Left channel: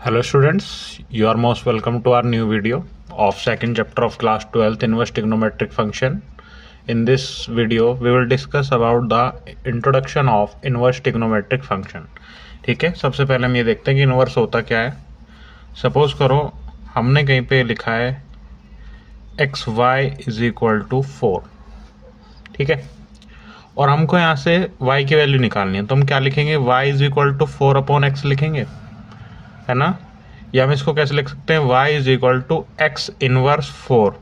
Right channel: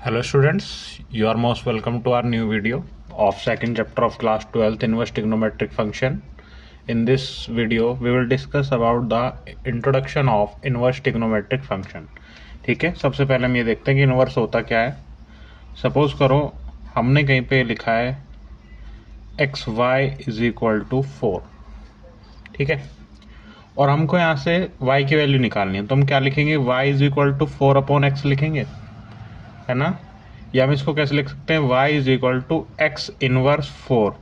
Hello students, you are most welcome to our new video of second chapter of class 12th inverse trigonometric function. In this video we will discuss about the introduction of inverse trigonometric function. ठीक है, सबसे पहले हम ये देखते हैं कि inverse होता क्या है। सपोज करो हमने कहीं पे लिखा है x y is equal to 4, ठीक है, और हमको यहाँ से y की वैल्यू निकालनी है, तो हम क्या लिखेंगे, y is equal to 4/x लिखेंगे, है ना। या हम इसको कैसे लिख सकते हैं, y is equal to x inverse 4।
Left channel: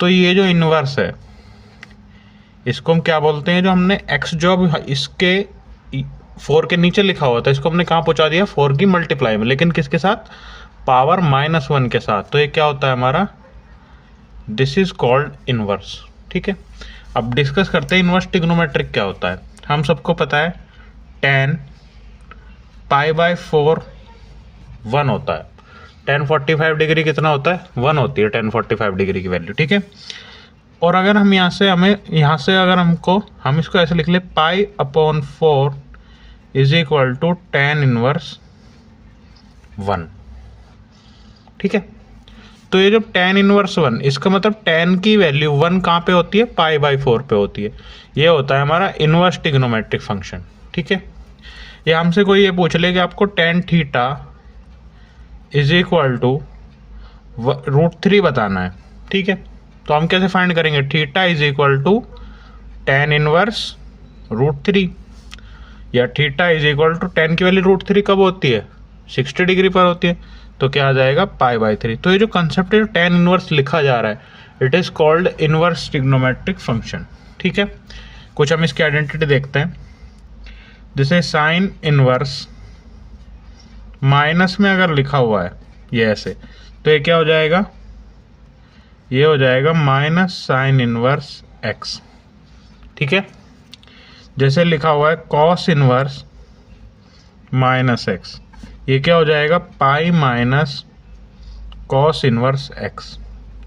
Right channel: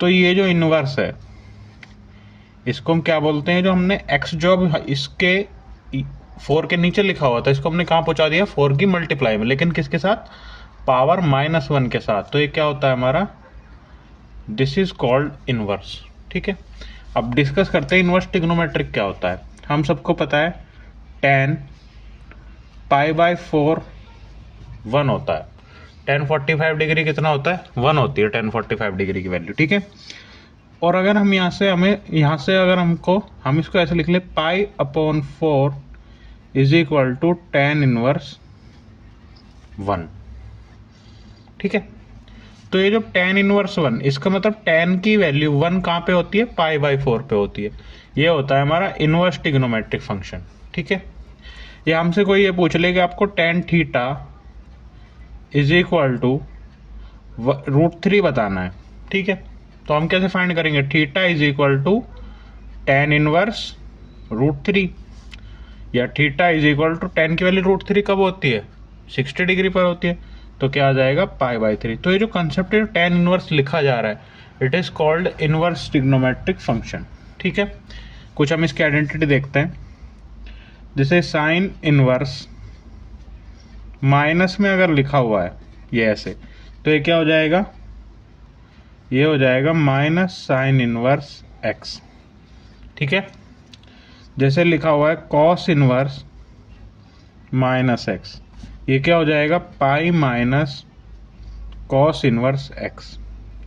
तो ये जो इनवर्स है इसको हम क्या बोलते हैं, जो हमने x जो अब इसके 4 के नीचे लिखा हुआ था इसको हमने कहाँ पहुंचा दिया, 4 की मल्टीप्लाई में, लेकिन किसके साथ, पावर -1 के साथ। तो ये क्या होता है हमारा, दिस इज कॉल्ड इनवर्स। ठीक है, अब डिस्कस करते हैं इनवर्स ट्रिग्नोमेट्रिक क्या होता है। हम सबको पता है tan π/4 1 होता है। tan 45 डिग्री कितना होता है, 1 होती है tan 45 डिग्री की वैल्यू। ठीक है, और अगर हम यहाँ से अगर हम इसको ऐसे लिख ले, π/4 is equal to tan inverse 1। ठीक है, तो ये जो tan इनवर्स 1, इसका मतलब tan की वैल्यू 1 कहाँ पे होती है, π/4 पे होती है। ये होता है हमारा इनवर्स ट्रिग्नोमेट्रिक फंक्शन। ठीक है, या हमसे कोई ये पूछ ले कि आपको tan theta is equal to √3 बताना है। ठीक है, तो हम कैसे फाइंड करेंगे, theta is equal to tan inverse √3, या theta is equal to tan की वैल्यू √3 कब होती है, 60 डिग्री पर होती है, तो क्या आ जाएगा π/3। तो ये जो कंसेप्ट है tan इनवर्स लिखा जा रहा है, it is called inverse trigonometric function. ठीक है, कुछ हम इसकी आइडेंटिटी देखते हैं। जैसे साइन इनवर्स माइनस में अगर लिखा हुआ है ये ऐसे, तो ये क्या हो जाएगा, ये हो जाएगा माइनस साइन इनवर्स x। ठीक है, जैसे लिखा हुआ है कॉस इनवर्स -x, ये क्या हो जाएगा, pi minus cos inverse x।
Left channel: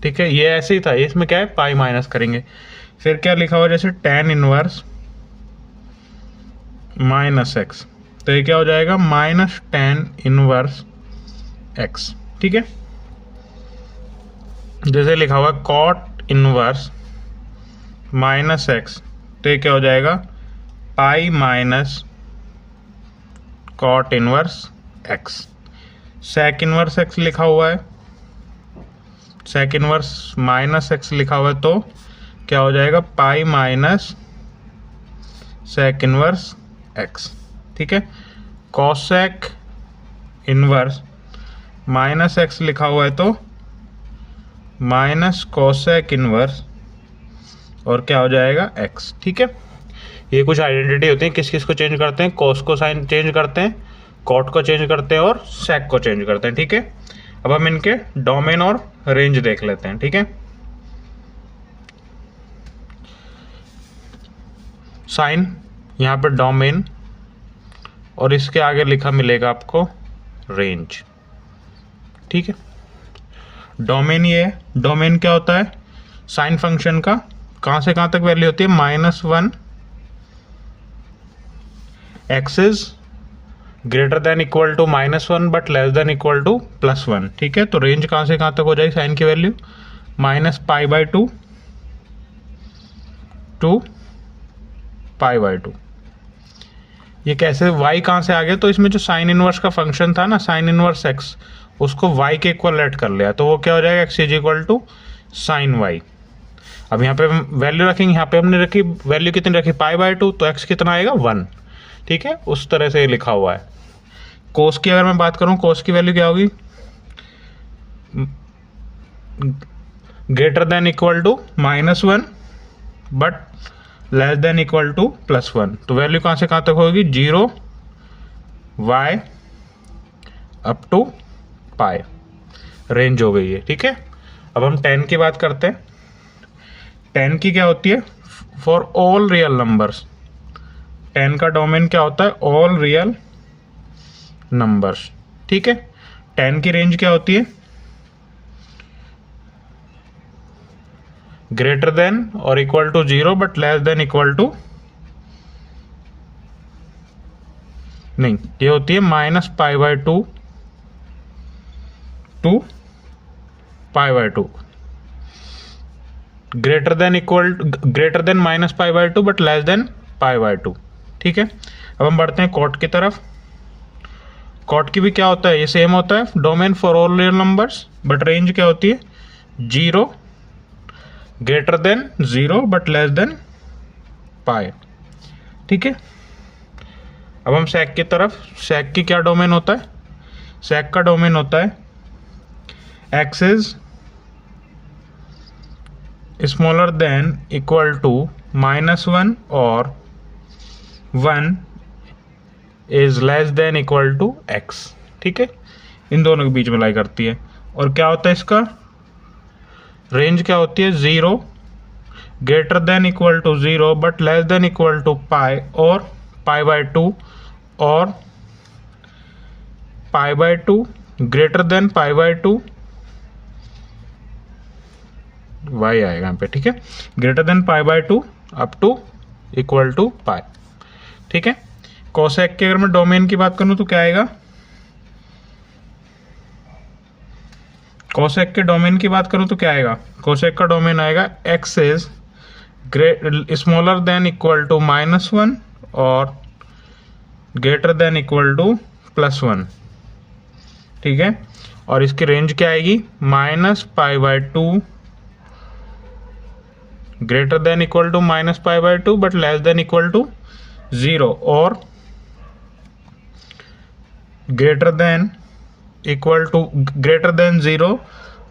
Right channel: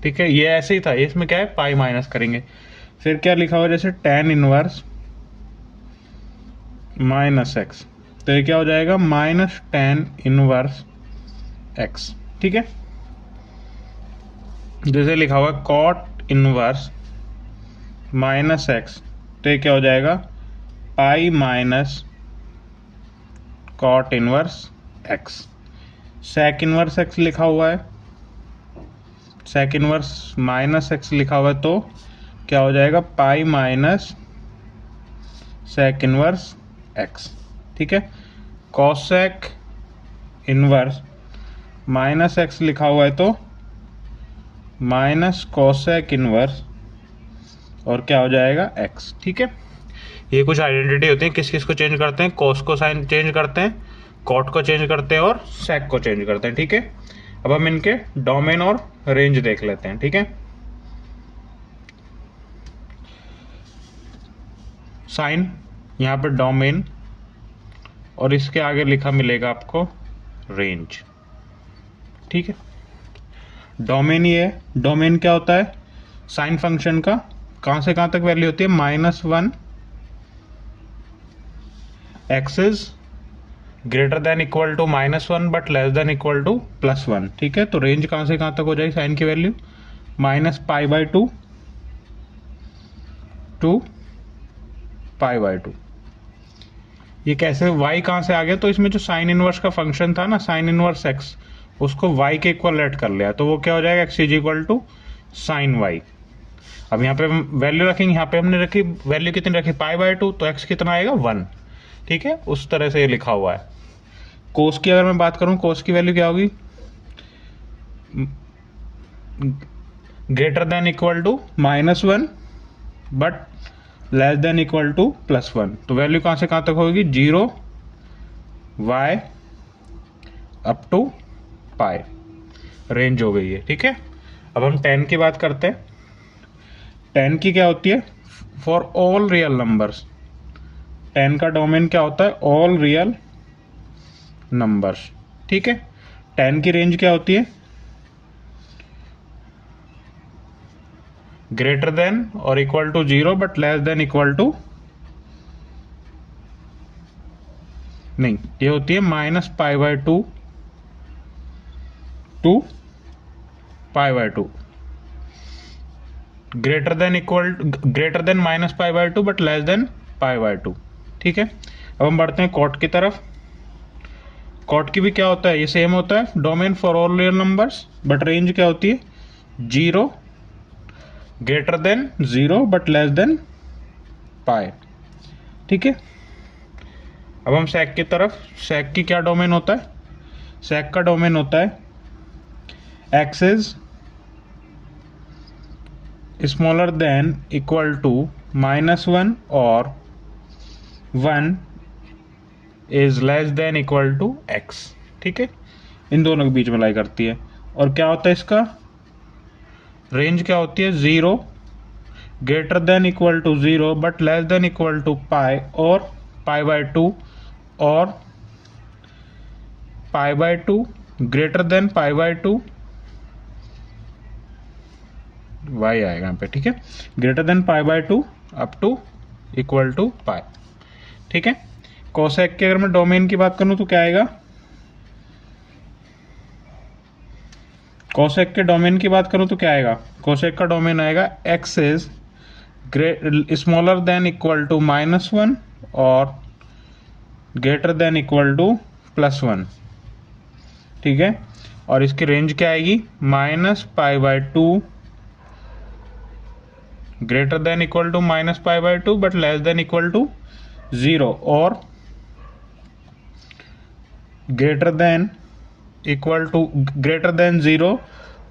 ठीक है, ये ऐसे ही था, इसमें क्या है, पाई माइनस करेंगे। फिर क्या लिखा हुआ है, जैसे tan इनवर्स -x, तो ये क्या हो जाएगा, माइनस tan इनवर्स x। ठीक है, जैसे लिखा हुआ है कॉट इनवर्स -x, तो ये क्या हो जाएगा, pi minus cot inverse x। Sec inverse x लिखा हुआ है, सेक इनवर्स -x लिखा हुआ है, तो क्या हो जाएगा, pi minus sec inverse x। ठीक है, कॉसेक इनवर्स -x लिखा हुआ है, तो माइनस कॉसेक इनवर्स, और क्या हो जाएगा, x। ठीक है, ये कुछ आइडेंटिटी होती है, किस किस को चेंज करते हैं, कॉस को साइन चेंज करते हैं, कॉट को चेंज करते हैं, और सेक को चेंज करते हैं। ठीक है, अब हम इनके डोमेन और रेंज देख लेते हैं। ठीक है, साइन यहाँ पे डोमेन, और इसके आगे लिखा मिलेगा आपको रेंज। ठीक है, डोमेन ये है, डोमेन क्या होता है, साइन फंक्शन का कहाँ से कहाँ तक वैल्यू होती है, -1 x is greater than equal to -1 but less than equal to +1। ठीक है, तो रेंज कहाँ से कहाँ तक हो जाएगी साइन की वैल्यू, -π/2 टू π/2। ये कैसे, y कहाँ से आ गया, तो इसमें जो साइन इनवर्स का फंक्शन था ना, साइन इनवर्स x, उसको y के इक्वल लेट कर लिया, तो वो क्या हो जाएगा, x is equal to sine y। अब यहाँ पे वैल्यू रखेंगे, यहाँ पे हमने रखी वैल्यू कितनी रखी, π/2, तो x कितना आएगा, 1। ठीक है, उस तरह से ये लिखा हुआ है। कोस की अगर मैं बात करूँ, कोस की वैल्यू क्या होगी, greater than equal to -1 but less than equal to +1। तो वैल्यू कहाँ से कहाँ तक होगी, 0 y up to pi, range हो गई है। ठीक है, अब हम tan की बात करते हैं। tan की क्या होती है, for all real numbers, tan का डोमेन क्या होता है, ऑल रियल नंबर्स। ठीक है, tan की रेंज क्या होती है, ग्रेटर देन और equal to 0 but less than equal to, नहीं, ये होती है -π/2 to pi by two, greater than minus pi by two but less than pi by two. ठीक है, अब हम बढ़ते हैं कॉट की तरफ। कॉट की भी क्या होता है, ये सेम होता है, domain for all real numbers, but range क्या होती है, 0 greater than 0 but less than pi. ठीक है, अब हम सेक की तरफ। सेक की क्या डोमेन होता है, सेक का डोमेन होता है x is smaller than equal to -1 और 1 is less than equal to x. ठीक है, इन दोनों के बीच में लाई करती है। और क्या होता है इसका रेंज, क्या होती है, 0 greater than equal to 0 but less than equal to pi, और पाई बाय 2 और pi by 2 greater than pi by 2, y आएगा यहाँ पे। ठीक है, greater than pi by 2 up to equal to pi. ठीक है, कोसेक के अगर मैं डोमेन की बात करूं तो क्या आएगा, कोसेक के डोमेन की बात करूं तो क्या आएगा, कोसेक का डोमेन आएगा x is smaller than equal to -1 और ग्रेटर देन इक्वल टू +1। ठीक है, और इसकी रेंज क्या आएगी, -π/2 greater than equal to -π/2 but less than equal to 0 और greater than 0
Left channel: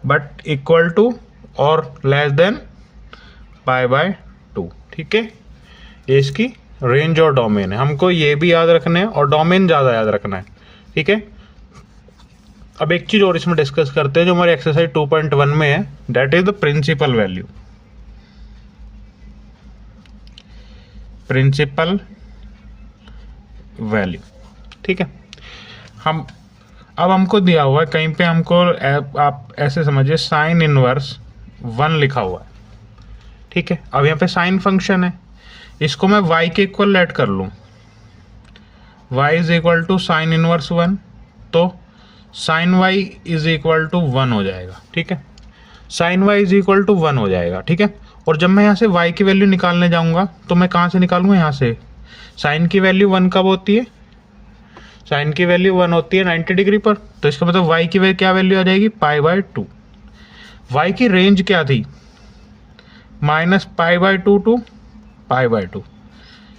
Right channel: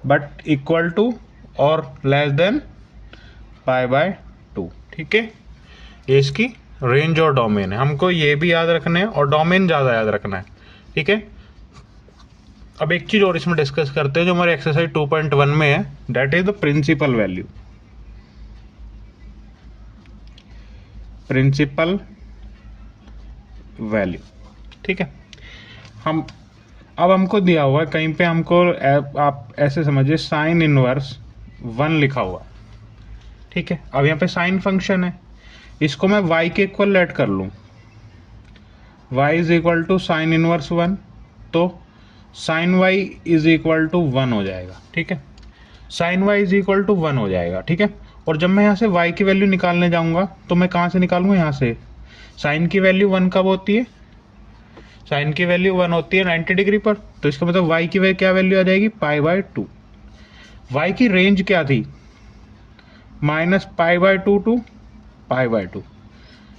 but equal to और लेस देन π/2। ठीक है, ये इसकी रेंज और डोमेन है, हमको ये भी याद रखना है और डोमेन ज़्यादा याद रखना है। ठीक है, अब एक चीज़ और इसमें डिस्कस करते हैं जो हमारे एक्सरसाइज 2.1 में है, that is the principal value. Principal value, ठीक है, अब हमको दिया हुआ है कहीं पे, हमको आप ऐसे समझिए साइन इनवर्स 1 लिखा हुआ है। ठीक है, अब यहाँ पे साइन फंक्शन है, इसको मैं y के इक्वल लेट कर लूँ, y is equal to sine inverse 1, तो sine y is equal to 1 हो जाएगा। ठीक है, sine y is equal to 1 हो जाएगा। ठीक है, और जब मैं यहाँ से y की वैल्यू निकालने जाऊँगा तो मैं कहाँ से निकालूँगा, यहाँ से। साइन की वैल्यू 1 कब होती है, साइन की वैल्यू 1 होती है 90 डिग्री पर, तो इसका मतलब y की क्या वैल्यू आ जाएगी, π/2। y की रेंज क्या थी, -π/2 टू π/2।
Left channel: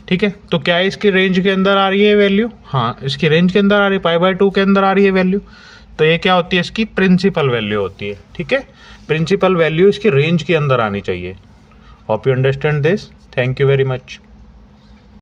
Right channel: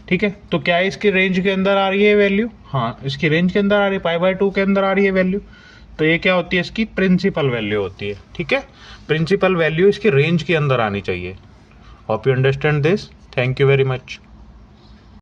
ठीक है, तो क्या इसकी रेंज के अंदर आ रही है वैल्यू, हाँ इसकी रेंज के अंदर आ रही है, π/2 के अंदर आ रही है वैल्यू, तो ये क्या होती है, इसकी प्रिंसिपल वैल्यू होती है। ठीक है, प्रिंसिपल वैल्यू इसकी रेंज के अंदर आनी चाहिए। Hope you understand this, thank you very much.